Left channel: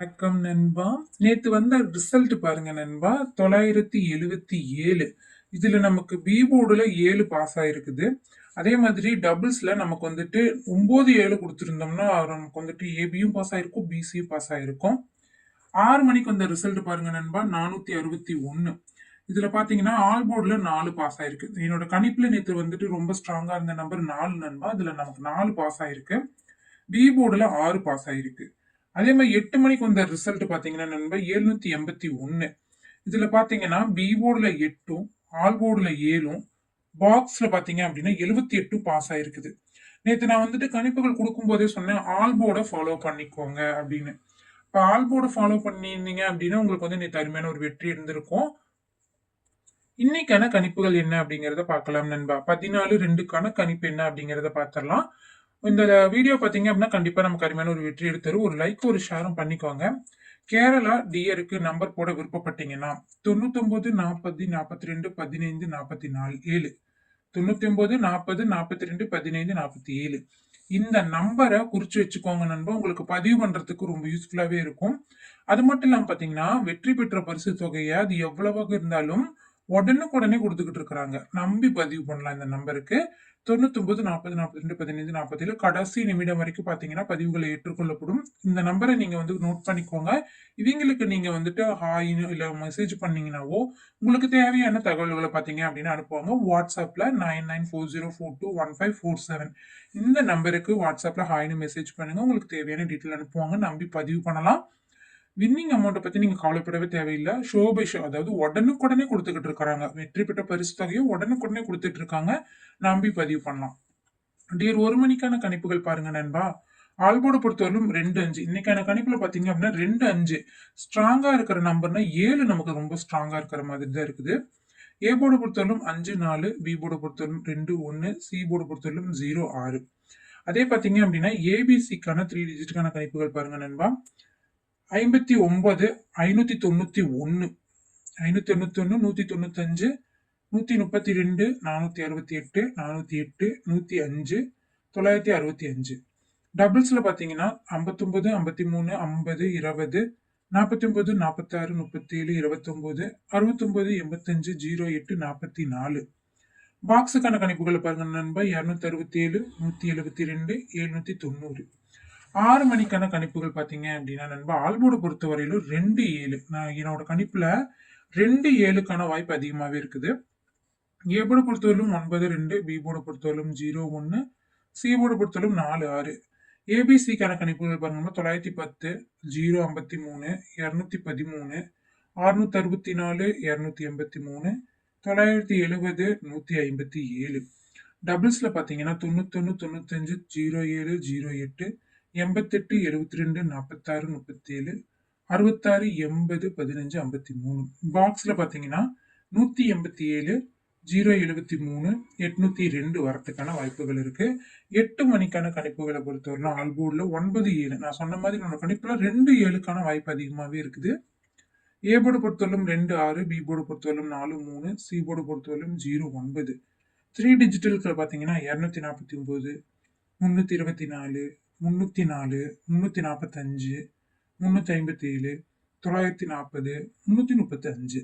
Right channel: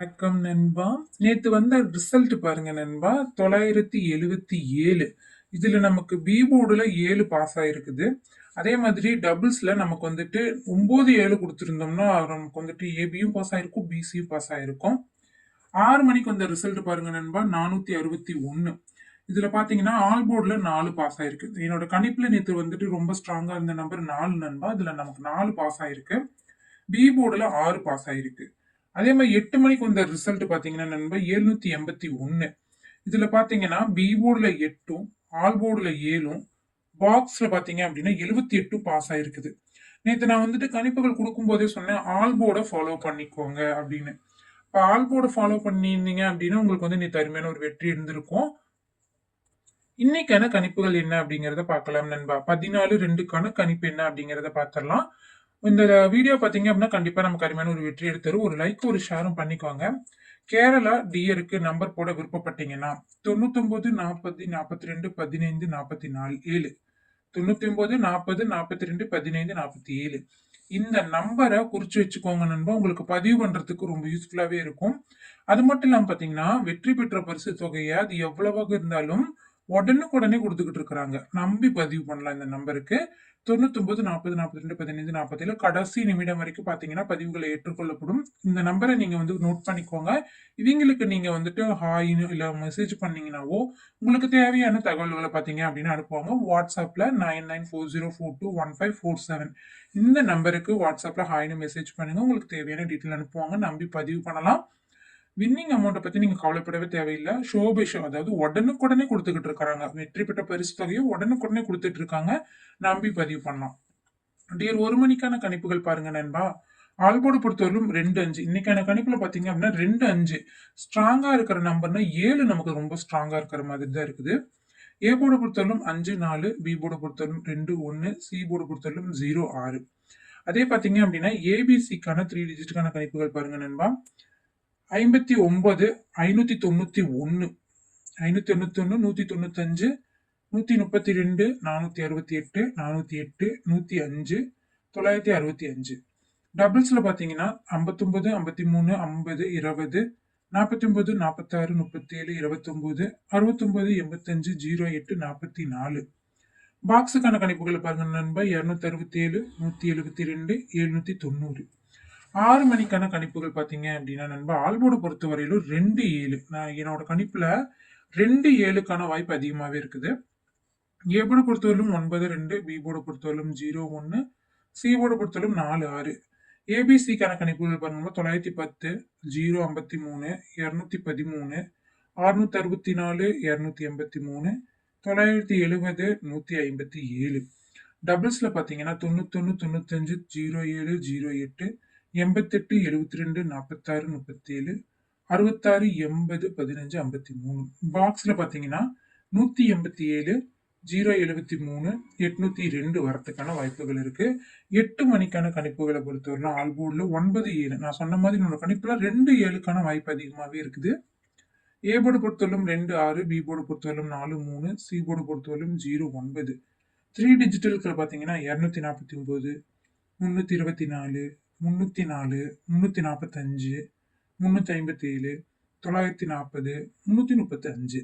வணக்கம் நண்பா. நேத்து வந்த ரிசல்ட் பாருங்க நண்பா. 977. இதுல நமக்கு பி போர்டுல 7 பாஸ் ஆயிருக்குது. அதே மாதிரி டபுள்ஸ்ல நமக்கு வந்துட்டு 9 7 கொடுத்திருந்தோம்னா நமக்கு வந்துட்டு ஏபியும் பாஸ் ஆயிருக்கும், பிசியும் பாஸ் ஆயிருக்கும். 6 மணிக்கு வந்த ரிசல்ட் பாருங்க நண்பா. 461. இதுல பாத்தீங்கன்னா ஆல் போர்டுல 4 பாஸ் ஆயிருக்கு. என்னோட கணிப்புல நேத்து வந்துட்டு ரொம்ப ஸ்ட்ராங்கா இருந்த நம்பர் 4 நண்பா. இதுல நமக்கு 4 பாஸ் ஆயிருக்கு. பி போர்டுல 6 பாஸ் ஆயிருக்கு. அதே மாதிரி 8 மணிக்கு வந்த ரிசல்ட் பாத்தீங்கன்னா நண்பா 781. இதுல பாத்தீங்கன்னா பி போர்டுல 8ம் ஆல் போர்டுல 7ம் பாக்ஸ்ல பாத்தீங்க அப்படின்னா 78 பாஸ் ஆயிருக்குது. நேத்து நான் வந்துட்டு கணிப்புகள் கொடுக்கும் போதே சொன்னேன் ஆல் போர்டை ஃபாலோ பண்ணிக்கோங்க அப்படின்னு. இப்போ ஆல் போர்டை ஃபாலோ பண்ணியிருந்தீங்க அப்படின்னா உங்களுக்கு வந்து நேற்று அருமையான ஒரு வெற்றி இருந்திருக்கும். இன்னைக்கான கணிப்புகள் என்ன அப்படிங்கறத பார்க்கலாம் நண்பா. 14/2க்கான கணிப்பு என்ன அப்படிங்கறத பார்த்துடலாம். இந்த வீடியோ பாத்தீங்க அப்படின்னா கண்டிப்பா நமக்கு அருமையான ஒரு வெற்றி எடுத்துரும். ஒரு லைக் ஒரு ஷேரும் பண்ணிக்கோங்க. கேரளா டியருக்கு நம்பர் போட விருப்பப்பட்டீங்கன்னா 99 40 42 15 44 7 99 40 42 15 47 இந்த நம்பரை குறிச்சு வச்சுக்கோங்க நண்பா. உங்களுக்கு பதிவு பண்றதுக்கு ரொம்ப யூஸ்ஃபுல்லாவே இருக்கும். அது மட்டும் இல்லாம பாத்தீங்கன்னா வெற்றி பெற்ற பரிசு தொகையை அது எவ்வளவாக இருந்தாலும் உடனுக்குடனே கொடுத்துக்கிட்டு இருக்கிறாங்க. நம்பி பதிவு பண்ணலாம் இந்த நம்பருக்கு. 99 40 42 15 47 கடைசி நிமிடம் வரைக்கும் பாத்தீங்கன்னா பதிவுகளை ஏற்றுக்கொள்ளப்படும். இந்த நம்பரை நீங்க வந்து நோட் பண்ணிக்கோங்க. இவங்களுக்கு நீங்க வந்துட்டு ஹாய்னு இல்ல மெசேஜ் பண்ணீங்கன்னாவோ உங்களுக்கு தேவையான தகவல்களை பாத்தீங்க அப்படின்னு அனுப்புவாங்க. வாட்ஸ்அப்ல 9940421547 இந்த நம்பருக்கு வாட்ஸ்அப்ல ஹாய்னு மெசேஜ் பண்ணுங்க. உங்களுக்கு தேவையான டீட்டெயில் அனுப்புவாங்க. நம்பி பதிவு பண்ணலாம். வின்னிங் அமௌண்ட்டை பத்தி நீங்க கவலைப்படவே தேவையில்லை. ஷோ பை ஷோ, அதாவது உடனுக்குடனே கொடுத்துக்கிட்டு இருக்காங்க. வெற்றி பெற்ற பரிசு தொகையை உடனுக்குடனே கொடுத்துட்டு இருக்காங்க. நம்பி பதிவு பண்ணலாம். டியர் 1 மணிக்கான கணிப்புகள் பாருங்க நண்பா. ஆல்போர்டு பொறுத்தவரைக்கும் 2-5. இன்னைக்கான கணிப்புல பாத்தீங்க அப்படின்னா 2-5 ஸ்ட்ராங்கா இருக்கிற நம்பர்னா 7 நமக்கு ரொம்ப ஸ்ட்ராங்கா இருக்கிற மாதிரி தான் இருக்குது. ஏ போர்டை பொறுத்தவரைக்கும் 5-4, பி போர்டை பொறுத்தவரைக்கும் 2-1, சி போர்டை பொறுத்தவரைக்கும் 0-6. அதே பாத்தீங்க அப்படின்னா ஏபிசிக்கான 3 டிஜிட்டுக்கான கணிப்புகள் பாருங்க நண்பா. 59 591 591 195 132 468 408 105 965. டபுள்ஸ்ல பாத்தீங்கன்னா 59 53 50 20 49 46 37 29 69 85 08 44. பாக்ஸுக்கான கணிப்புகளை பாருங்க நண்பா. 267 172 790. 6 மணிக்கான கணிப்புகள் பாத்தீங்க அப்படின்னா நண்பா ஆல்போர்டு பொறுத்த வரையிலும் 2-7. நான் என்னோட கணிப்புல 2-7க்கான வாய்ப்பு அதிகமாவே இருக்குது. ஏ போர்டை பொறுத்தவரையிலும் 9-2, பி போர்டை பொறுத்தவரையிலும் 0-1, சி போர்டை பொறுத்தவரையிலும் 4-6. ஏபிசிக்கான கணிப்புகள் பாருங்க 910 053 213 664 283 970 157. டபுள்ஸ்ல பாத்தீங்கன்னா 91 95 07 08 88 72 46 37 66 80 15 53. பாக்ஸ்ல பாத்தீங்கன்னா 187 073 802 வரத்துக்கான வாய்ப்புகள் இருக்கு. 8 மணிக்கான கணிப்புகளை பொறுத்தவரைக்கும் ஆல்போர்ட்ல 9-7. நான் சொன்ன மாதிரி என்னோட கணிப்புல 2-7க்கான வாய்ப்பு அதிகமாவே இருக்குது. ஏ போர்டு பொறுத்தவரைக்கும் 2-6, பி போர்டு பொறுத்தவரைக்கும் 4-3, சி போர்டு பொறுத்தவரைக்கும் 0-9. 3 டிஜிட்டலுக்கு பாத்தீங்கன்னா 249 324 304 345 357 940 335.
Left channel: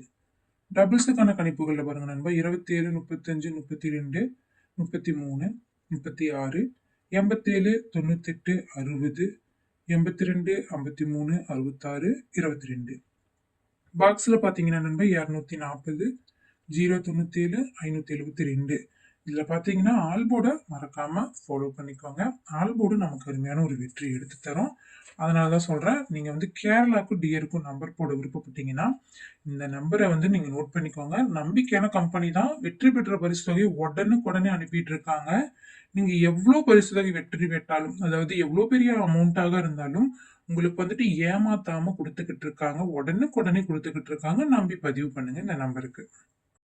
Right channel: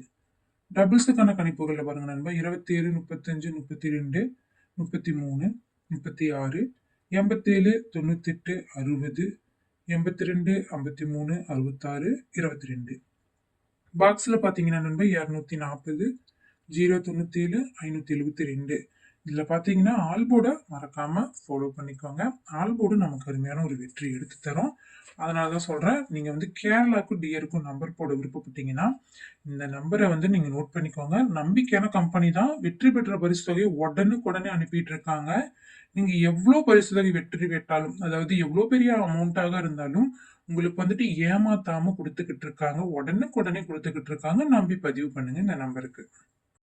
டபுள்ஸுக்கான கணிப்புகள்ல பாருங்க நண்பா 27 35 32 33 36 87 98 60 82 53 66 22. பாக்ஸ்ல பாத்தீங்கன்னா நண்பா 240 097 572. இதுல பாத்தீங்கன்னா ஆல்போர்டை மறக்காம ஃபாலோ பண்ணிக்கோங்க. ஆல்போர்டு நமக்கு அருமையான ஒரு வெற்றி எடுத்து தரும். அதனாலதான் சொல்றேன், நீங்க வந்து கேரளாவுக்கும் டியருக்கும் நம்பர் போட விருப்பப்பட்டீங்கன்னா இந்த நம்பரை வந்து நீங்க நோட் பண்ணிக்கோங்க. நம்பிக்கையான கம்பெனி தான். வெற்றி பெற்ற பரிசு தொகை உடனுக்குடனே அனுப்பிட்டு இருக்காங்க. நீங்க எவ்வளவு பரிசு தொகை வெற்றி பெற்றாலும், அதாவது எவ்வளவு பெரிய அமௌண்ட்டாக இருந்தாலும் உங்களுக்கு வந்துட்டு ஏமாத்தாம கொடுத்துக்கிட்டு இருக்காங்க. உடனுக்குடனே கொடுத்துக்கிட்டு இருக்காங்க. நம்பி பதிவு பண்ணுங்க இந்த நம்பருக்கு.